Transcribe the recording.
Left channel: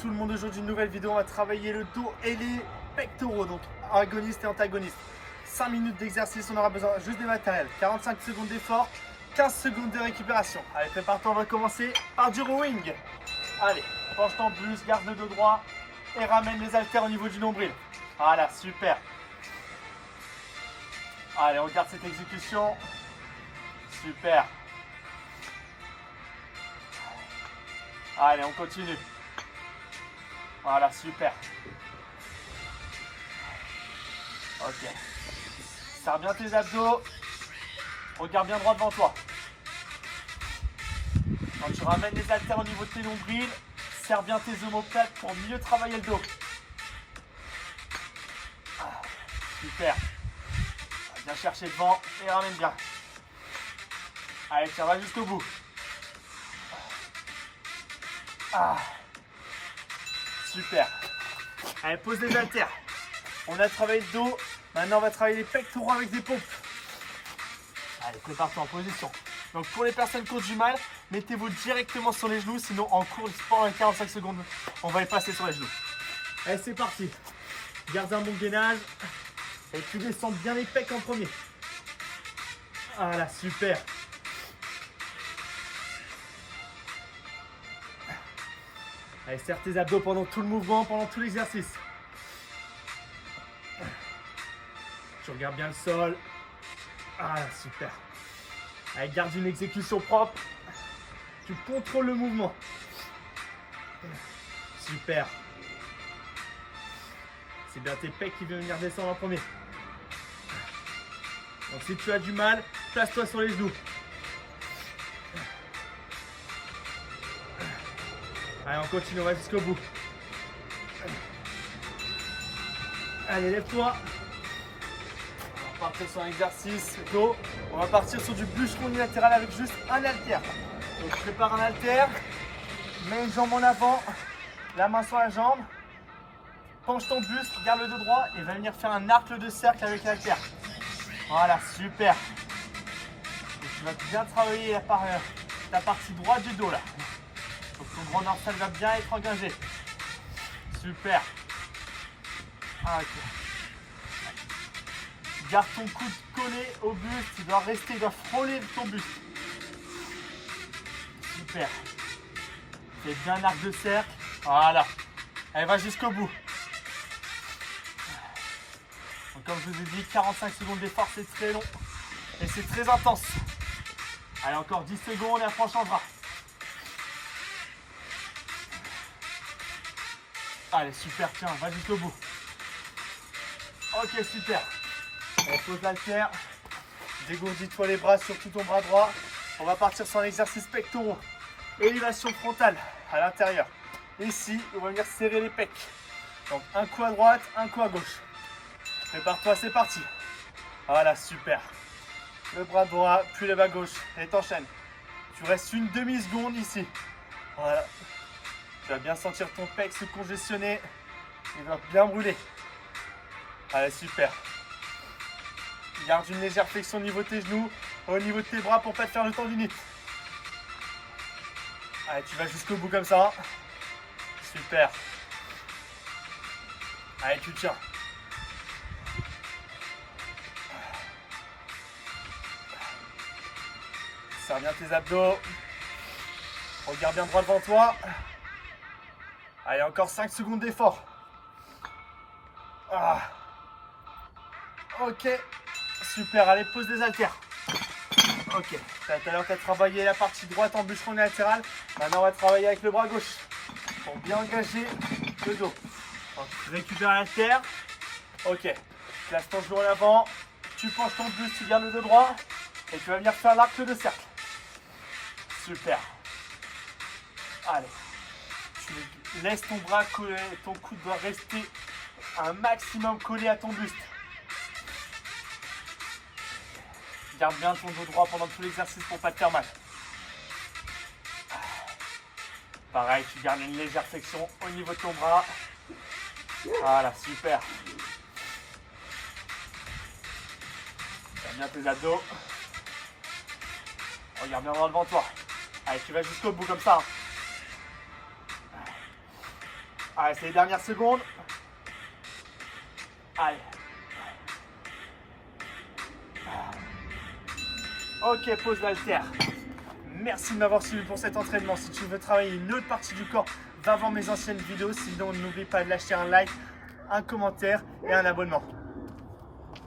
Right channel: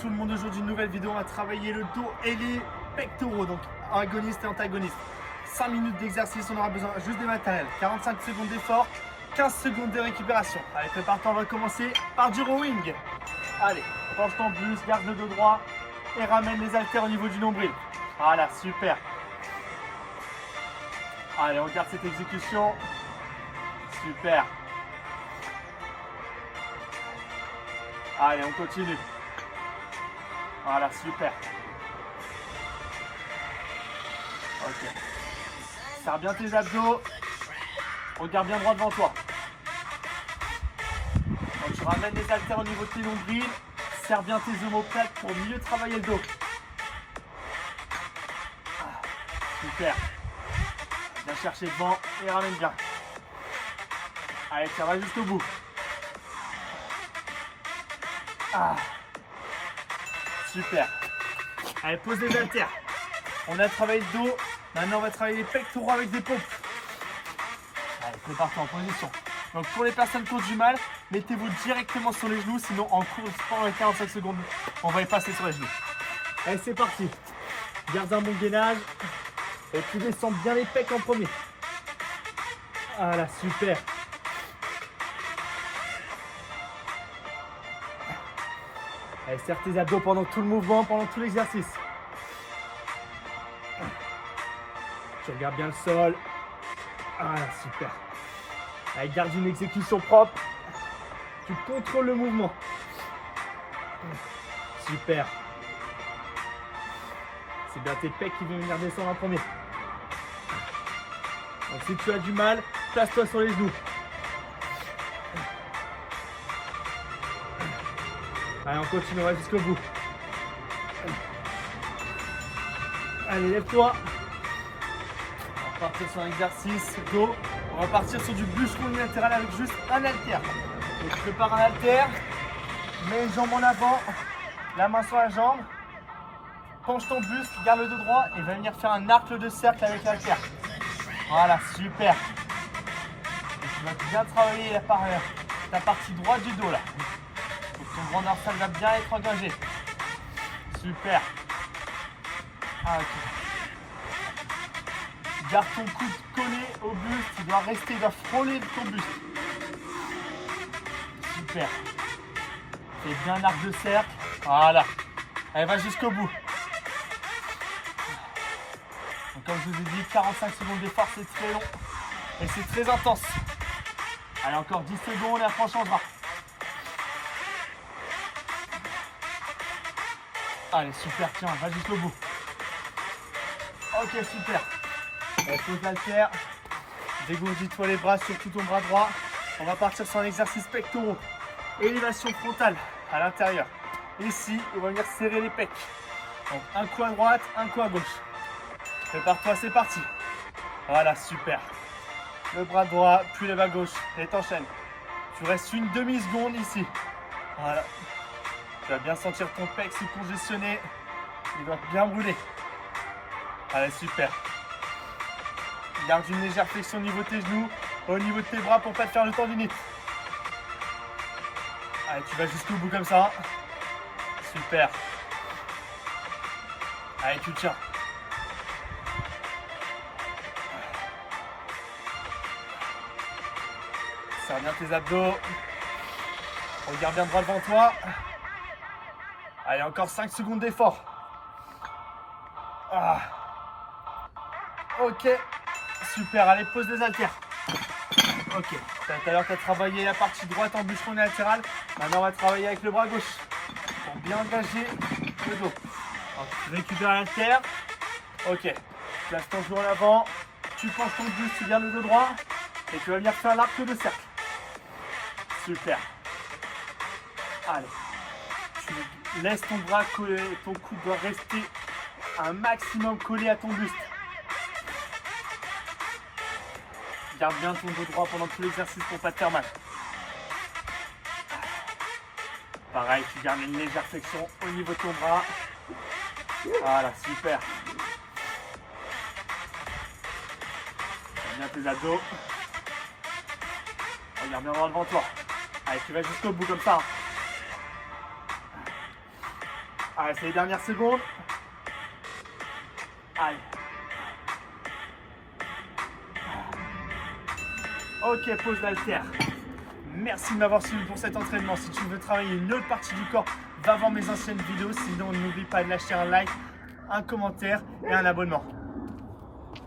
Tout le monde, aujourd'hui une nouvelle vidéo, on va travailler le dos et les pectoraux, donc agoniste et antagoniste. 5 minutes d'exercice, on aura besoin juste des matériels, 45 secondes d'effort, 15 secondes de récupération. Allez, prépare-toi, on va commencer par du rowing. Allez, penche ton buste, garde le dos droit et ramène les haltères au niveau du nombril. Voilà, super. Allez, on garde cette exécution. Super. Allez, on continue. Voilà, super. Ok. Serre bien tes abdos. Regarde bien droit devant toi. Quand tu ramènes les haltères au niveau de tes nombrils, serre bien tes omoplates pour mieux travailler le dos. Ah, super. Viens chercher devant et ramène bien. Allez, ça va jusqu'au bout. Ah, super. Allez, pose les haltères. On a travaillé le dos. Maintenant, on va travailler les pectoraux avec des pompes. Allez, prépare-toi en position. Donc, pour les personnes qui ont du mal, mettez-vous directement sur les genoux. Sinon, en cours pendant les 45 secondes, on va y passer sur les genoux. Allez, c'est parti. Garde un bon gainage. Et tu descends bien les pecs en premier. Voilà, super. Allez, serre tes abdos pendant tout le mouvement, pendant tout l'exercice. Tu regardes bien le sol. Voilà, super. Allez, garde une exécution propre. Tu contrôles le mouvement. Super. C'est bien tes pecs qui vont venir descendre en premier. Donc si tu as du mal, place-toi sur les genoux. Allez, on continue, on va jusqu'au bout. Allez, lève-toi. On va partir sur un exercice dos. On va partir sur du bûcheron unilatéral avec juste un haltère. Donc, je prépare un haltère. Mets une jambe en avant, la main sur la jambe. Penche ton buste, garde le dos droit et va venir faire un arc de cercle avec l'haltère. Voilà, super. Et tu vas bien travailler ta partie droite du dos là. Donc ton grand dorsal va bien être engagé. Super. Ah, ok. Garde ton coude collé au buste. Il doit rester, il doit frôler ton buste. Super. Fais bien un arc de cercle. Voilà. Elle va jusqu'au bout. Donc comme je vous ai dit, 45 secondes d'effort, c'est très long. Et c'est très intense. Allez, encore 10 secondes et après on changera. Allez, super, tiens, va jusqu'au bout. Ok, super. Allez, pose l'haltère. Dégourdis-toi les bras, surtout ton bras droit. On va partir sur un exercice pectoraux. Élévation frontale à l'intérieur. Ici, on va venir serrer les pecs. Donc, un coup à droite, un coup à gauche. Prépare-toi, c'est parti. Voilà, super. Le bras droit, puis le bras gauche. Et t'enchaînes. Tu restes une demi-seconde ici. Voilà. Tu vas bien sentir ton pec se congestionner. Il doit bien brûler. Allez, super. Garde une légère flexion au niveau de tes genoux, au niveau de tes bras pour ne pas te faire le tendinite. Allez, tu vas jusqu'au bout comme ça. Super. Allez, tu tiens. Serre bien tes abdos. Regarde bien droit devant toi. Allez, encore 5 secondes d'effort. Ah. Ok, super. Allez, pose les haltères. Ok, tout à l'heure, tu as travaillé la partie droite en bûcheron latéral. Maintenant, on va travailler avec le bras gauche pour bien engager le dos. Donc, récupère l'haltère. Ok, place ton genou en avant. Tu penches ton buste, tu gardes le dos droit. Et tu vas venir faire l'arc de cercle. Super. Allez. Tu laisses ton bras coller, ton coude doit rester un maximum collé à ton buste. Garde bien ton dos droit pendant tout l'exercice pour ne pas te faire mal. Pareil, tu gardes une légère flexion au niveau de ton bras. Voilà, super. Garde bien tes abdos. Regarde bien droit devant toi. Allez, tu vas jusqu'au bout comme ça. Allez, c'est les dernières secondes. Allez. Ok, pose l'haltère. Merci de m'avoir suivi pour cet entraînement. Si tu veux travailler une autre partie du corps, va voir mes anciennes vidéos. Sinon, n'oublie pas de lâcher un like, un commentaire et un abonnement.